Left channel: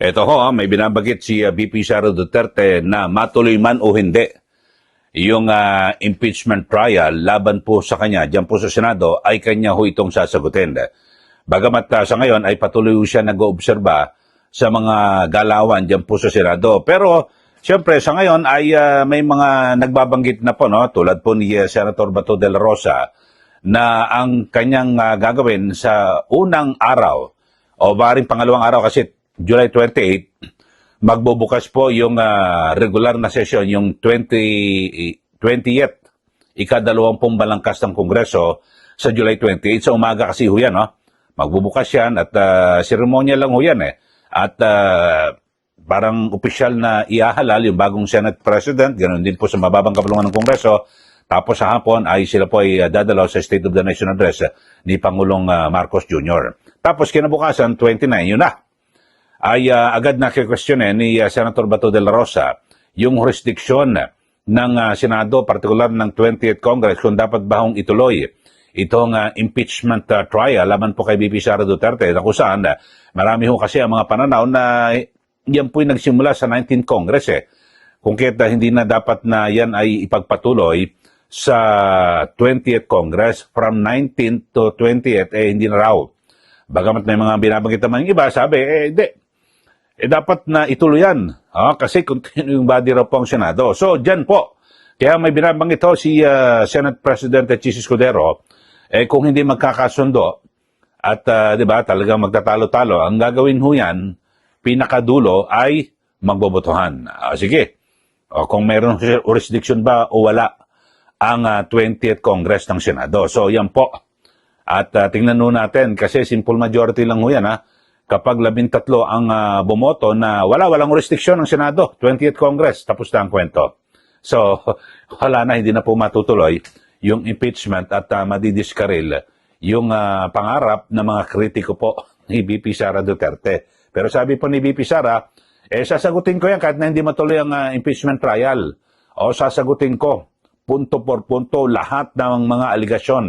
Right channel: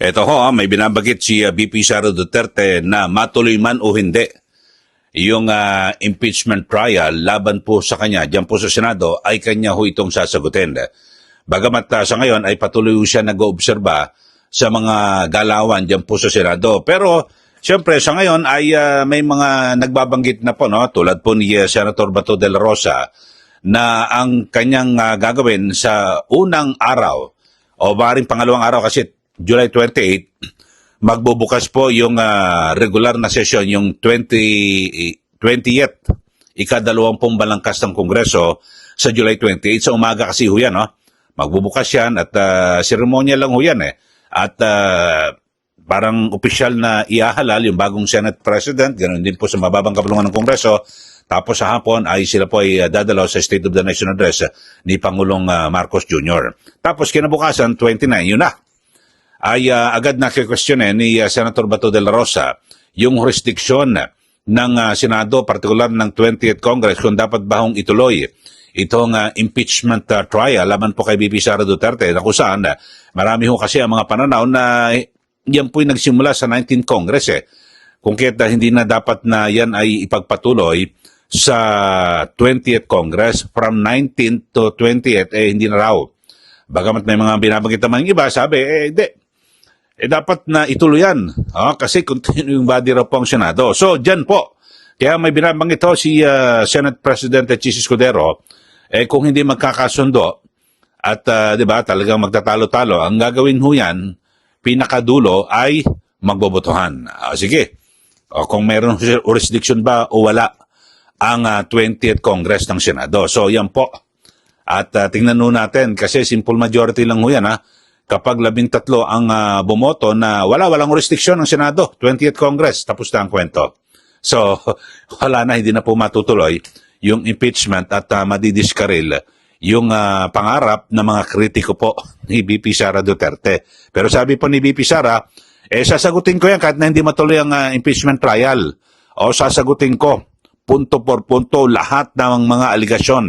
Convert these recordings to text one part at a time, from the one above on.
Ito ho, may binabanggit si VP Sara Duterte na matuloy man o hindi yung impeachment trial laban po sa kanya dyan po sa Senado ay kanya ho itong sasagutin. Bagamat siya ngayon ay patuloy siya nag-oobserba sa mga galawan dyan po sa Senado. Pero siyempre sa ngayon ay may mga nagbabanggit na po, no? Tulad po ni Senator Bato de la Rosa na ang kanyang gagawin sa unang araw o maaaring pangalawang araw kasi July 28, magbubukas po yung regular na session, yung 20th, ika-20 balangkas ng Kongreso sa July 28. Sa umaga kasi ho yan, no? Magbubukas yan at seremonya lang ho yan eh. At parang opisyal na iahalal yung bagong Senate President, ganoon din po sa mababang kapulungan ng Kongreso. Tapos sa hapon ay sila po ay dadalaw sa State of the Nation Address ni Pangulong Marcos Jr. Tapos kinabukasan, 29, yun na. Ay agad na kikwestiyonin ni Senator Bato de la Rosa yung jurisdiction ng Senado, partikular ng 20th Congress, kung dapat ba hong ituloy itong impeachment trial laban po kay VP Sara Duterte, na kung saan marami ho kasi ang mga pananaw na yan po'y nagsimula sa 19th Congress eh. Kung kaya hindi na dapat na yan ay ipagpatuloy sa 20th Congress, from 19th to 20th, hindi na raw. Bagamat may mga binabanggit naman yung iba, sabi, hindi. Dapat na ituloy yan. Kasi continuing body raw po ang Senado. So, dyan po. Kaya may binabanggit ho si Senate President Chis Escudero, kung hindi magkakasundo at di ba, talagang magtatalo-talo, ang gagawin ho yan, pinakadulo ay magbobotohan. Sige. O kung mayroong jurisdiction ba o wala ang 20th Congress ng Senado. So, yan po. At tingnan ho natin, kasi simple majority lang ho yan, kapag 13 ang bumoto na walang restriksyon ng Senado, 20th Congress, tapos na ang kwento. So, wala na, hindi na po matutuloy yung impeachment at madidiskaril yung pangarap ng mga kritiko po ni VP Sara Duterte. Pero sabi po ni VP Sara, sasagutin ko yan kahit na hindi matuloy ang impeachment trial. O sasagutin ko, punto por punto, lahat ng mga aligasyon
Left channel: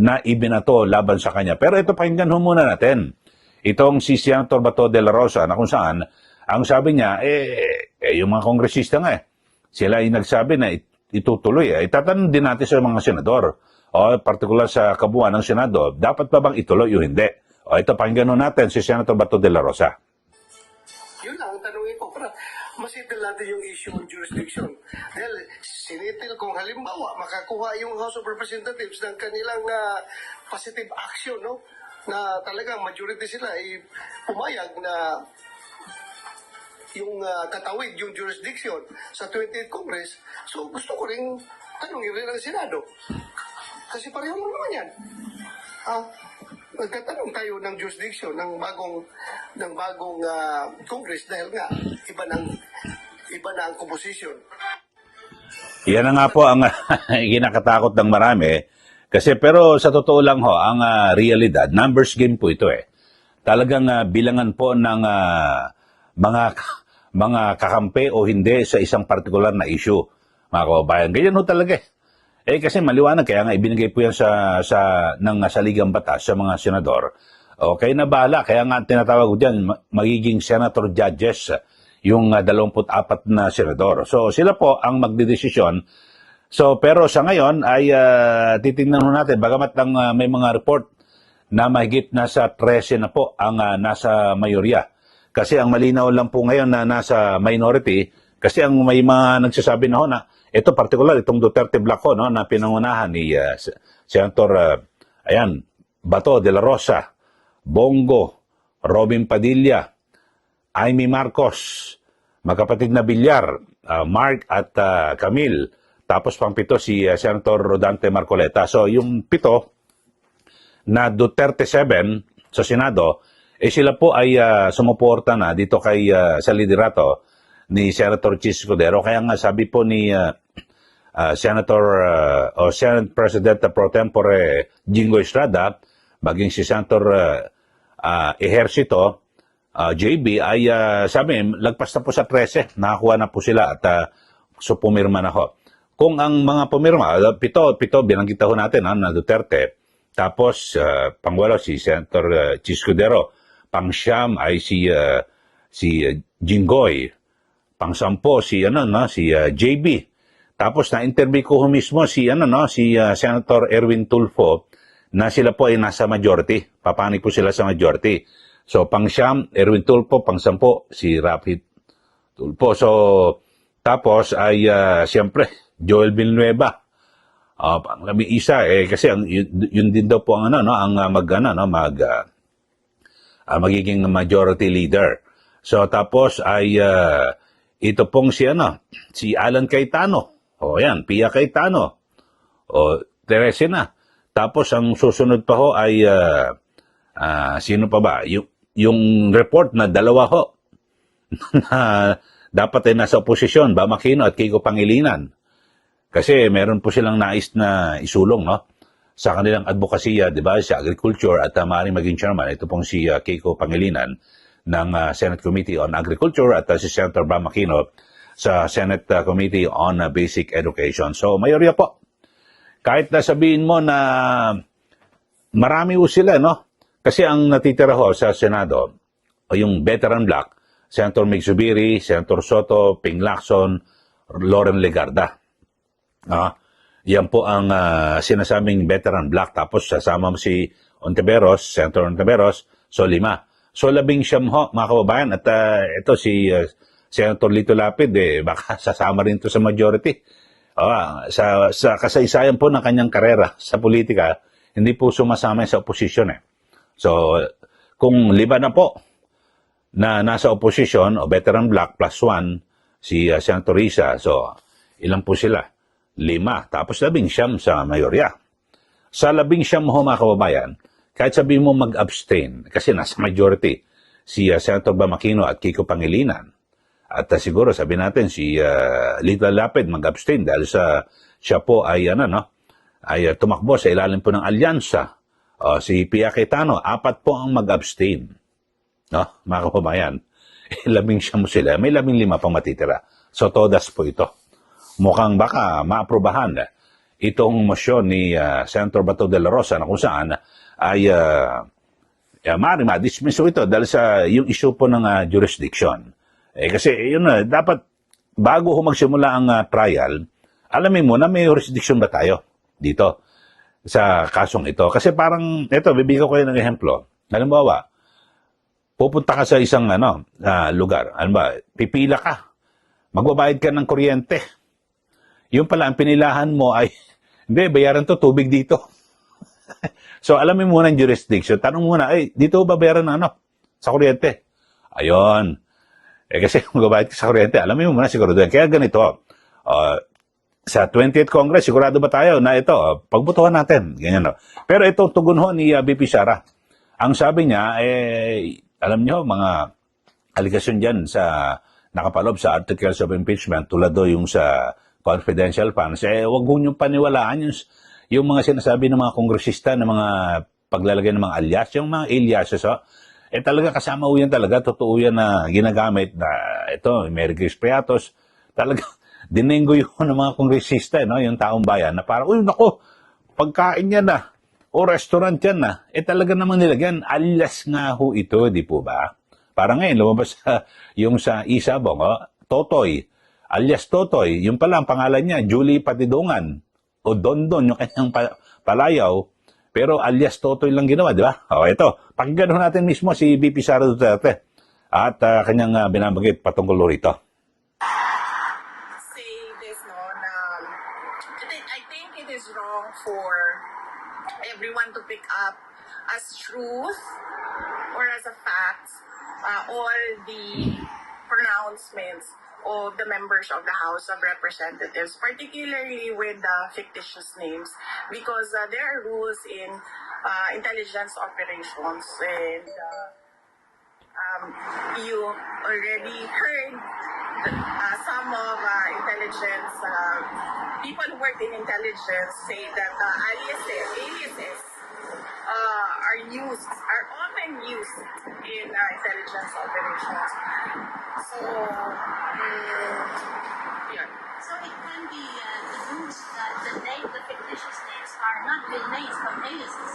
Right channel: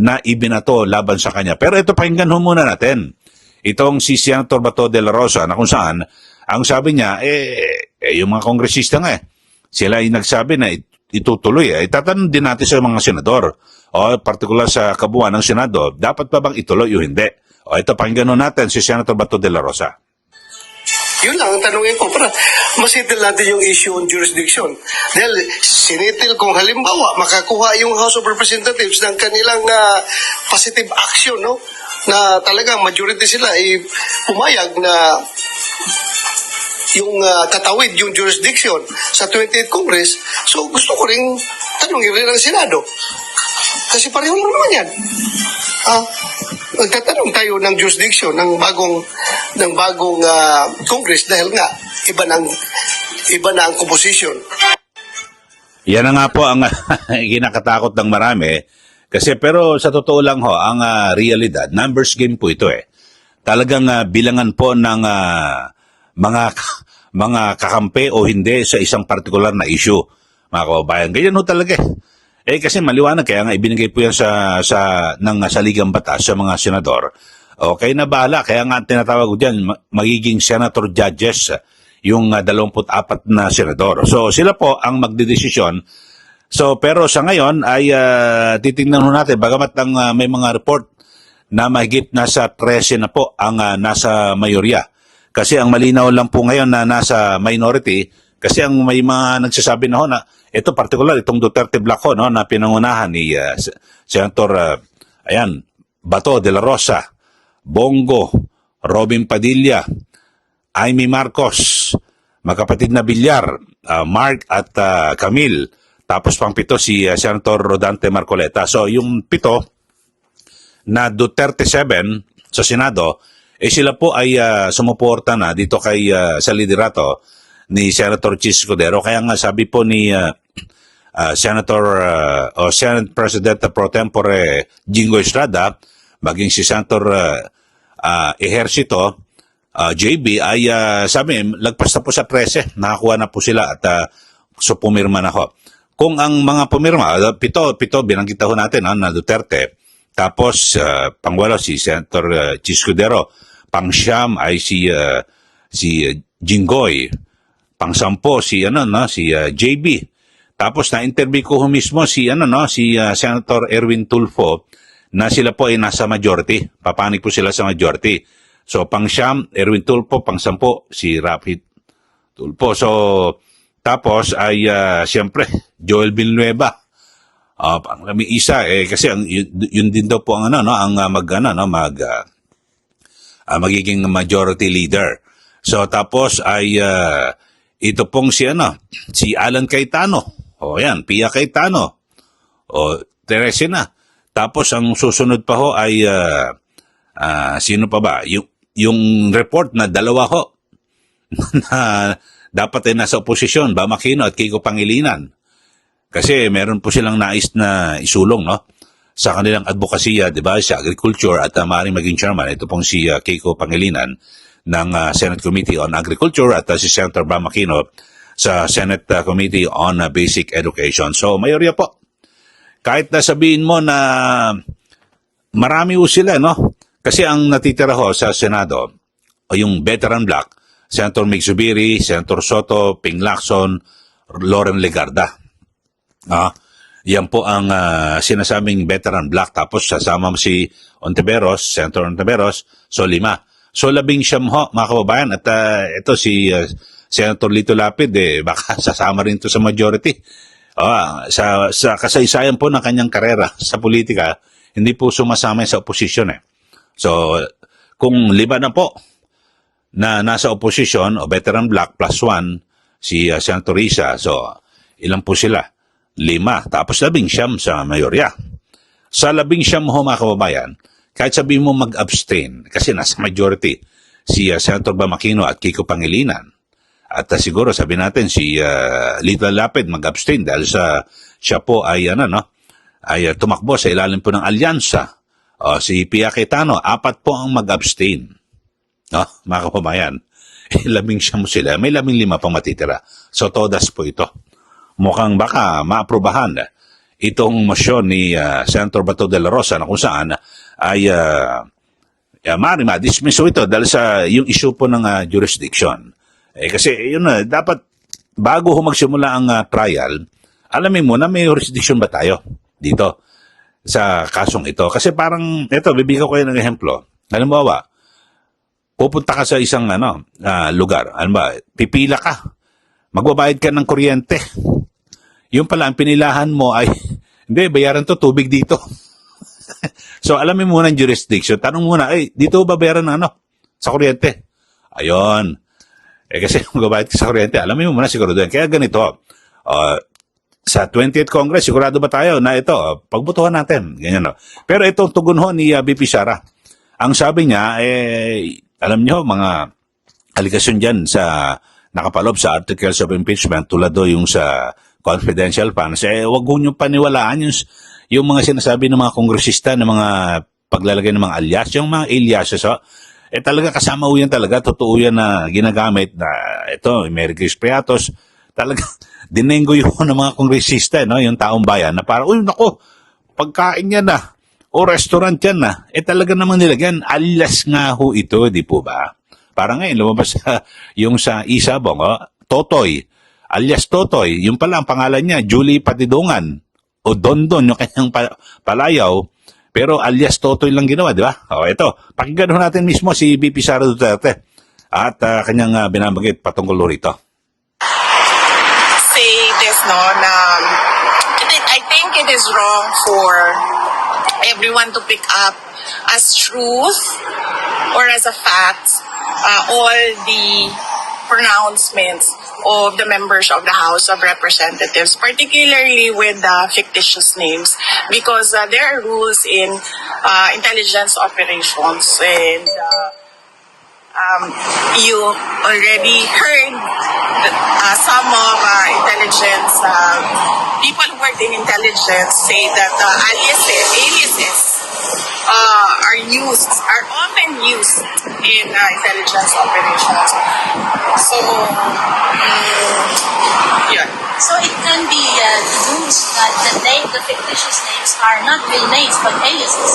na ibinato laban sa kanya. Pero ito, pakinggan ho muna natin. Itong si Senator Bato de la Rosa na kung saan, ang sabi niya, yung mga kongresista nga sila ay nagsabi na itutuloy. Itatanong din natin sa mga senador, o partikular sa kabuuan ng Senado, dapat pa bang ituloy o hindi? O ito, pakinggan natin si Senator Bato de la Rosa. Yun lang ang tanongin ko para masettle natin yung issue on jurisdiction. Dahil sinitil kung halimbawa makakuha yung House of Representatives ng kanilang positive action, no? Na talagang majority sila ay pumayag na yung tatawid yung jurisdiction sa 20th Congress. So gusto ko rin tanongin rin ang Senado. Kasi pareho lang naman yan. Magtatanong tayo ng jurisdiction ng bagong Congress dahil nga iba na ang composition. Yan na nga po ang kinakatakot ng marami. Kasi pero sa totoo lang ho, ang realidad, numbers game po ito eh. Talagang bilangan po ng mga kakampi o hindi sa isang partikular na issue, mga kababayan. Ganyan ho talaga eh. Kasi maliwanag, kaya nga ibinigay po yan sa saligang batas sa mga senador. Okay na bahala, kaya nga tinatawag ko dyan, magiging senator judges yung 24 na senador. So sila po ang magdedesisyon. So pero sa ngayon ay titingnan natin, bagamat may mga report na mahigit nasa 13 na po ang nasa mayorya. Kasi ang malinaw lang po ngayon na nasa minority, kasi ang may mga nagsasabi na ho na ito particular, itong Duterte Black ho, no, na pinangunahan ni Senator Bato de la Rosa, Bongo, Robin Padilla, Amy Marcos, magkapatid na Villar, Mark at Camille, tapos pang 7 si Senator Rodante Marcoleta. So yung 7 na Duterte 7 sa Senado, sila po ay sumuporta na dito kay sa liderato ni Senator Chis Escudero. Kaya nga sabi po ni Senate President pro tempore Jingo Estrada, maging si Senator Ejercito JB ay sabi, lagpas na po sa 13, nakakuha na po sila at so pumirma na ho. Kung ang mga pumirma, pito binanggit ho natin na Duterte, tapos pangwalo si Senator Chis Escudero, pang-siyam ay si Jinggoy, pang-sampo si JB. Tapos na-interview ko mismo si Senator Erwin Tulfo na sila po ay nasa majority. Papanig po sila sa majority. So pang-siyam Erwin Tulfo, pang-sampo si Rafi Tulfo. So tapos ay siyempre Joel Villanueva. Pang-labing isa kasi yun din daw po ang magiging majority leader. So tapos ay ito pong si Alan Cayetano. O yan, Pia Cayetano. O Teresa na. Tapos ang susunod pa ho ay sino pa ba? Yung report na dalawa ho na dapat ay nasa oposisyon, Bam Aquino at Kiko Pangilinan. Kasi meron po silang nais na isulong sa kanilang advokasya, di ba, sa agriculture at maaaring maging chairman. Ito pong si Kiko Pangilinan ng Senate Committee on Agriculture at si Senator Bam Aquino sa Senate Committee on Basic Education. So, mayorya po. Kahit na sabihin mo na marami ho sila, Kasi ang natitira ho sa Senado, yung veteran bloc, Senator Mig Zubiri, Senator Soto, Ping Lacson, Loren Legarda. Yan po ang sinasabing veteran bloc. Tapos sasama mo si Ontiveros, Senator Ontiveros, so 5. So 11 ho, mga kababayan. At ito si Senator Lito Lapid, baka sasama rin to sa majority. Sa kasaysayan po ng kanyang karera sa politika, hindi po sumasama sa oposisyon. So, kung 5 na po na nasa oposisyon o veteran bloc plus 1, si Senator Risa, so ilan po sila? 5. Tapos 11 sa mayorya. Sa 11 ho, mga kababayan, kahit sabihin mo mag-abstain, kasi nasa majority, si Senator Bam Aquino at Kiko Pangilinan. At siguro sabi natin si Lito Lapid mag-abstain dahil siya po ay tumakbo sa ilalim po ng alyansa. Si Pia Cayetano, 4 po ang mag-abstain. Mga kababayan, 11 mo sila, may 15 pang matitira. So todas po ito. Mukhang baka maaprubahan itong motion ni Senator Bato de la Rosa na kung saan ay maaaring ma-dismiss ito dahil sa yung issue po ng jurisdiction. Kasi yun dapat bago magsimula ang trial, alamin mo na may jurisdiction ba tayo dito sa kasong ito. Kasi parang, bibigyan ko kayo ng ehemplo. Halimbawa, pupunta ka sa isang lugar. Pipila ka. Magbabayad ka ng kuryente. Yung pala, ang pinilahan mo ay, hindi, bayaran to, tubig dito. So, alamin muna ang jurisdiction. Tanong muna, dito ba bayaran sa kuryente? Ayon. Kasi magbabayad ka sa kuryente, alamin mo muna sigurado yan. Kaya ganito, sa 20th Congress, sigurado ba tayo na ito, pagbutuhan natin. Ganyan, Pero itong tugon ho ni BP Sara, ang sabi niya, alam niyo, mga aligasyon dyan sa nakapalob sa articles of impeachment, tulad yung sa confidential funds, wag ho nyo paniwalaan yung mga sinasabi ng mga kongresista, ng mga paglalagay ng mga alias, yung mga aliases, talaga kasama ho yan talaga, totoo yan na ginagamit na ito, Mary Grace Priatos, talaga dinenggo yun ng mga kongresista, yung taong bayan, na parang, naku, pagkain yan na, o restaurant yan na, talaga naman nilagyan, alias nga ho ito, di po ba? Parang ngayon, lumabas yung sa Isabong, Totoy, alias Totoy, yung pala ang pangalan niya, Julie Patidongan, o Dondon, yung kanyang palayaw, pero alias Totoy lang ginawa, di ba? Ito, pakinggan natin mismo si BP Sara Duterte at kanyang binabanggit patungkol rito. Say this, I think it is wrong for everyone to pick up as truth or as a fact all the pronouncements of the members of the House of Representatives, particularly with fictitious names, because there are rules in intelligence operations, and you already heard some of intelligence people who work in intelligence say that aliases are often used in intelligence operations. So, yeah. So it can be used that the fictitious names are not real names but aliases.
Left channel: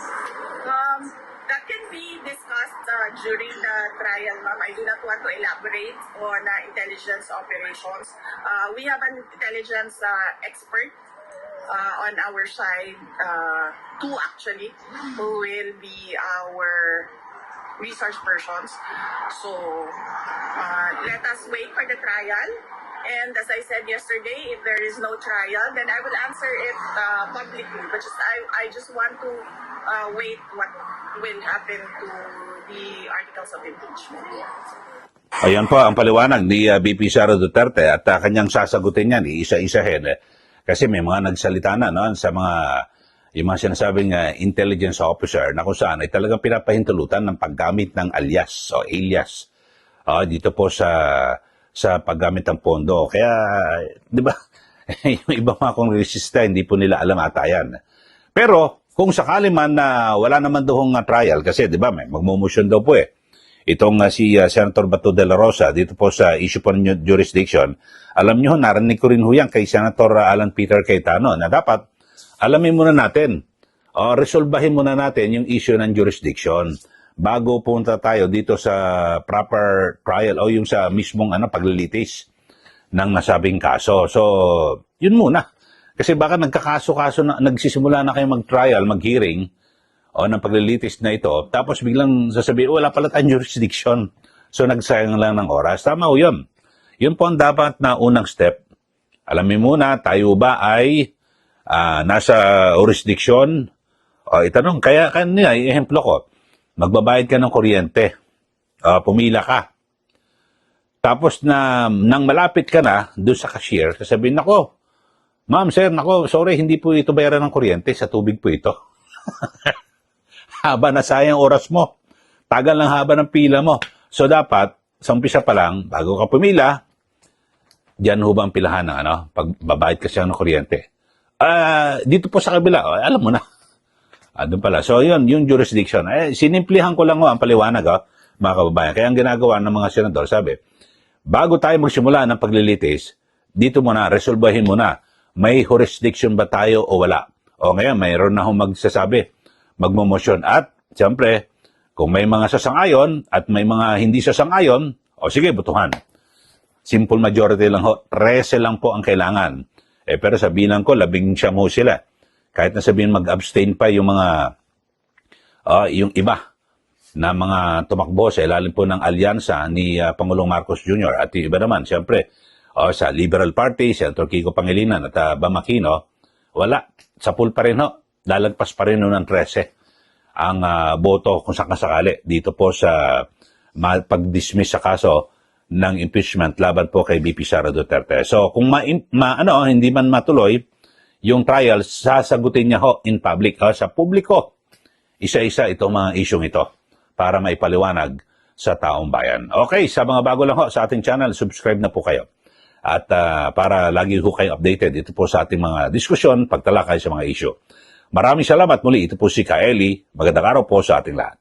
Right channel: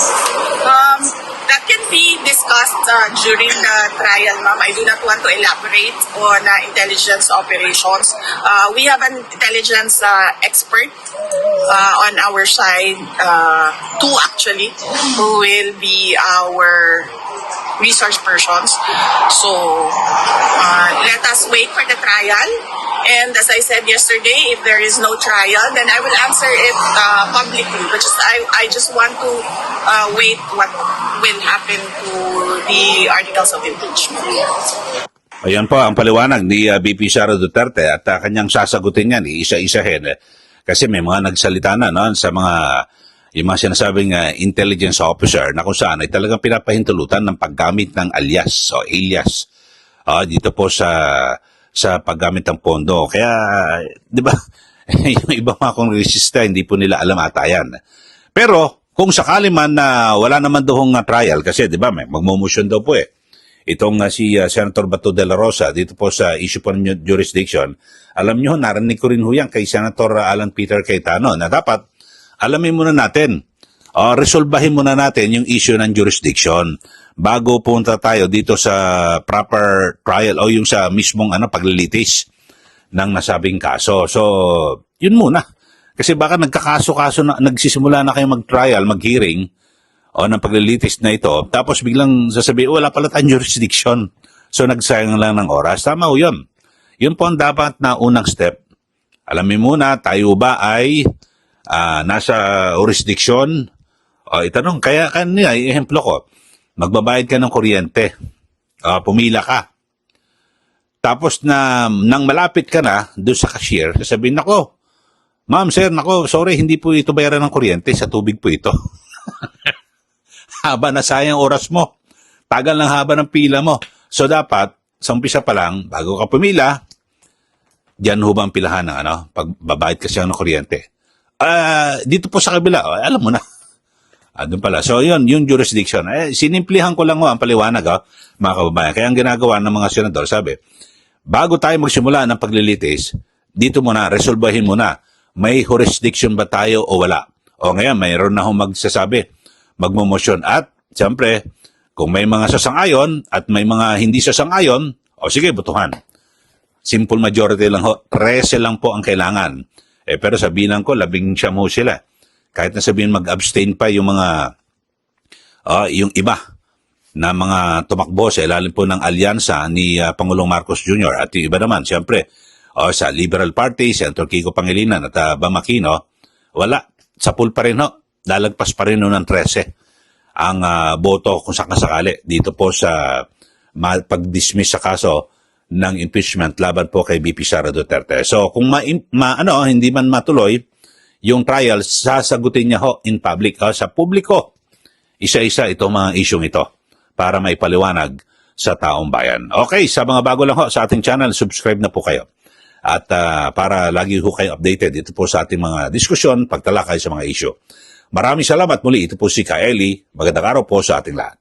that can be discussed during the trial, ma'am. I do not want to elaborate on intelligence operations. We have an intelligence expert on our side, two actually, who will be our resource persons. So let us wait for the trial. And as I said yesterday, if there is no trial, then I will answer it publicly. But I just want to wait what will happen to the articles of impeachment. Ayan po ang paliwanag ni VP Sara Duterte at kanyang sasagutin yan, isa-isahin. Kasi may mga nagsalita na no, sa mga yung mga sinasabing intelligence officer na kung saan ay talagang pinapahintulutan ng paggamit ng alias o alias dito po sa paggamit ng pondo. Kaya, di ba, yung iba mga kongresista, hindi po nila alam ata yan. Pero, kung sakali man na wala naman doong trial, kasi di ba, may magmumotion daw po itong si Senator Bato de la Rosa, dito po sa issue po ng jurisdiction, alam nyo, narinig ko rin ho yan kay Senator Alan Peter Cayetano na dapat, alamin muna natin, resolbahin muna natin yung issue ng jurisdiction bago punta tayo dito sa proper trial o yung sa mismong paglilitis ng nasabing kaso. So, yun muna. Kasi baka nagkakaso-kaso na, nagsisimula na kayo mag-trial, mag-hearing ng paglilitis na ito, tapos biglang sasabihin, wala pala tayong jurisdiction. So, nagsayang lang ng oras. Tama o yun. Yun po ang dapat na unang step. Alamin muna, tayo ba ay nasa jurisdiction? Itanong, kaya kanina, ehemplo ko, magbabayad ka ng kuryente, pumila ka. Tapos nang malapit ka na doon sa cashier, sasabihin, nako, ma'am, sir, nako, sorry, hindi po ito bayaran ng kuryente, sa tubig po ito. Haba na sayang oras mo. Tagal ng haba ng pila mo. So dapat, sa umpisa pa lang, bago ka pumila, diyan ho ba ang pilahan na, pagbabayad kasi ng kuryente. Dito po sa kabila, alam mo na. Doon pala. So, yun, yung jurisdiction. Sinimplihan ko lang ang paliwanag, mga kababayan. Kaya ang ginagawa ng mga senador, sabi, bago tayo magsimula ng paglilitis, dito muna, resolbahin muna, may jurisdiction ba tayo o wala? O ngayon, mayroon na akong magsasabi, magmumosyon. At, siyempre, kung may mga sasang-ayon at may mga hindi sasang-ayon, o sige, butuhan. Simple majority lang ho. 13 lang po ang kailangan. Pero sabihin ko, 19 mo sila. Kahit na sabihin mag-abstain pa yung mga yung iba na mga tumakbo sa ilalim po ng alyansa ni Pangulong Marcos Jr. At yung iba naman, siyempre, sa Liberal Party, Senator Kiko Pangilinan at Bam Aquino, wala. Sa pool pa rin ho. Lalagpas pa rin ng 13 ang boto kung sakasakali dito po sa pag-dismiss sa kaso ng impeachment laban po kay VP Sara Duterte. So kung hindi man matuloy yung trial, sasagutin niya ho in public, sa publiko, isa-isa itong mga isyong ito para maipaliwanag sa taong bayan. Okay, sa mga bago lang ho sa ating channel, subscribe na po kayo. At para lagi ho kayo updated ito po sa ating mga diskusyon, pagtalakay sa mga isyu. Maraming salamat muli. Ito po si Kaeli. Magandang araw po sa ating lahat.